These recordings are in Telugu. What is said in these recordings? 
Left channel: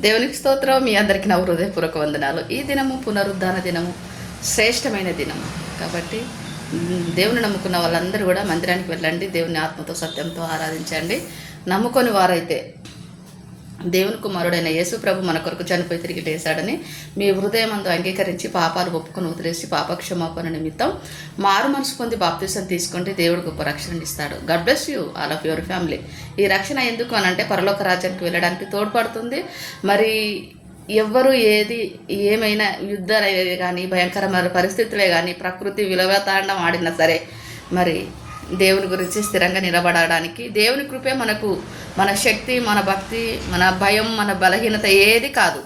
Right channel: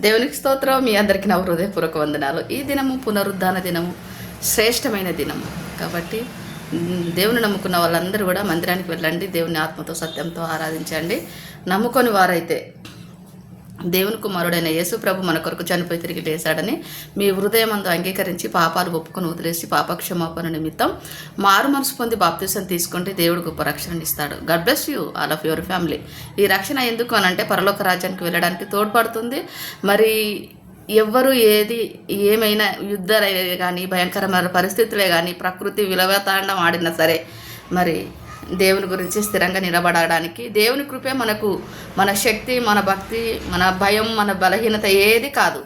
దేవునికి స్తోత్రం. మీ అందరికీ నా హృదయపూర్వక వందనాలు. ఈ దినము పునరుద్ధాన దినము, శ్రేష్టమైన దినము కాబట్టి దేవుని నమ్ముకున్న వాళ్ళందరూ కూడా మందిరానికి వెళ్ళండి. దేవుని ఆత్మతో సత్యంతో ఆరాధించండి. నమ్ముకొని వారైతే దేవుని కుమారుడైన యేసు ప్రభు మన కొరకు చనిపోయి తిరిగి లేచాడని మీ హృదయం అంతా అంగీకరించి పాపాలు ఒప్పుకొని వదిలేసి పాపక్షమాపణ నిమిత్తం మారు మనసు పొంది బాప్తిసం తీసుకుంటే దేవుడు గొప్ప రక్షణ ఇస్తాడు. God bless you all of your family. ఈ రక్షణ ఎందుకు అనంటే పరలోక రాజ్యానికి వెళ్ళడానికి తోడ్పడుతుంది. మరి ఎవ్వరు ఏమైనా యుద్ధాలే కానీ, భయంకరమైన పరిస్థితులే కానీ, ప్రకృతి విలువతాండం ఆడినా సరే మరి దేవుని గురించి స్థిరంగా నిలబడడానికి దేవుని కృపే మనకు, మన శక్తి, మన భక్తి, మన భయం, మన బలహీనత ఏది కాదు.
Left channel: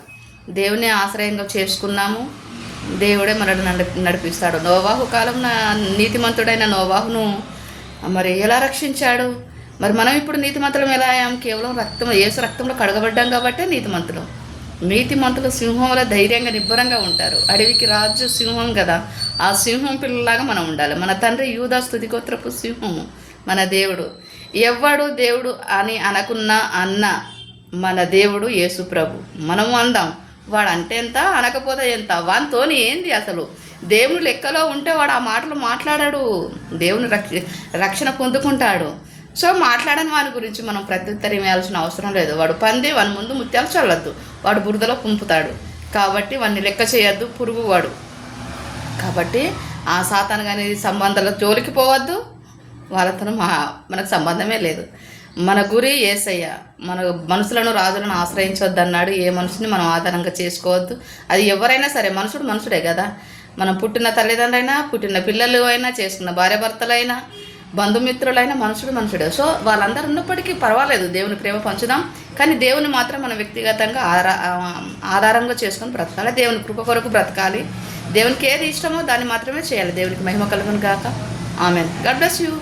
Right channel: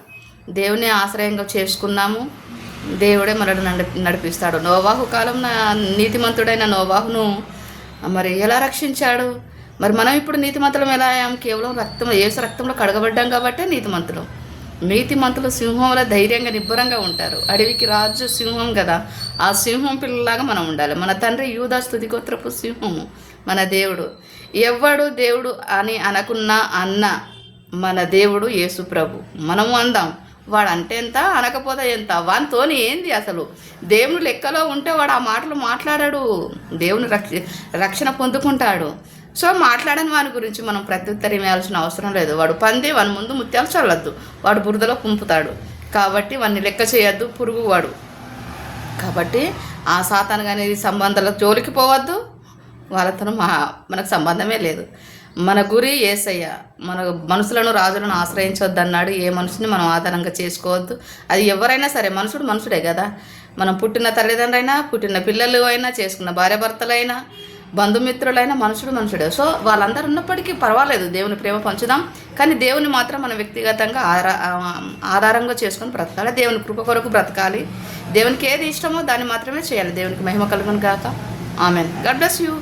దేవుని ఆశ్రయంగా చేసుకున్నాము. దేవుడే మనల్ని నడిపిస్తాడు. నోవాహు కాలం నీతిమంతుడైన నోవాహును మరి ఎలా రక్షించాడు? మరి మనం ఇప్పుడు నీతిమంతులం ఎలా అయ్యాం? కేవలం యేసు రక్తంలో కడగబడ్డాం కాబట్టే నీతిమంతులం. నీతిమంతులు సింహంలో ధైర్యంగా నిబ్బరంగా ఉంటారు. అడవికి రాజు సింహం కదా, ఆ సింహం పిల్లలాగా మనం ఉండాలి. మన తండ్రి యూదా స్తుతిగోత్రపు సింహము మన దేవుడు. ఎవ్వడు దేవుడు అని అనకున్నా అన్న మన దేవుడు యేసు ప్రభు. మనము అందాం, వాడు అంటే ఎంత, అనకపోతే ఎంత, వానితోని ఏంది అసలు. దేవుడు లెక్కలో ఉంటే వాడు ఆ మాటలు మాట్లాడాడు. దేవుని రక్షణ పొందుకుంటాడు. సో మాట్లాడని వాని గురించి మనం ప్రత్యుత్తరం వేయాల్సిన అవసరం లేదు. వాడు పంది, వాని ముందు ముత్యాలు చల్లద్దు, వాడు బురదలో పుంపుతాడు. కాబట్టి వాడిని లెక్క చేయొద్దు, పురుగు వాడు. కాబట్టి ఆ సాతాను కానీ సంబంధాల జోలికి పోవద్దు. వాళ్ళతో మనకు సంబంధమే లేదు. మన గురి యేసయ్య. మన మనుషులను, రాజులను ఆశ్రయించవద్దు అన్నాడు. ఏ మనుషుని మనం ఆధారంగా చేసుకోవద్దు. అది ఎవరైనా సరే, మనుషుడు మనుషుడే కదా. మనం పుట్టిన తల్లిదండ్రులైనా, పుట్టిన పిల్లలు అయినా, చేసుకున్న భార్యాభర్తలైనా, బంధుమిత్రులైన మనుషుడే. సో వాళ్ళందరూ ఉన్నప్పటికీ పర్వాలేదు, దేవుని ప్రేమ పంచుదాం. కానీ దేవుని మాత్రం మన వ్యక్తిగతంగా ఆధారంగా చేసుకొని బ్రతకాలి. దేవుని కృప కొరకు బ్రతకాలి. దేవునికి ఏది ఇష్టమో దాన్ని మాత్రమే చేయాలి. దేవునికి మహిమ కలుగును గాక. ఆమేన్. God bless you.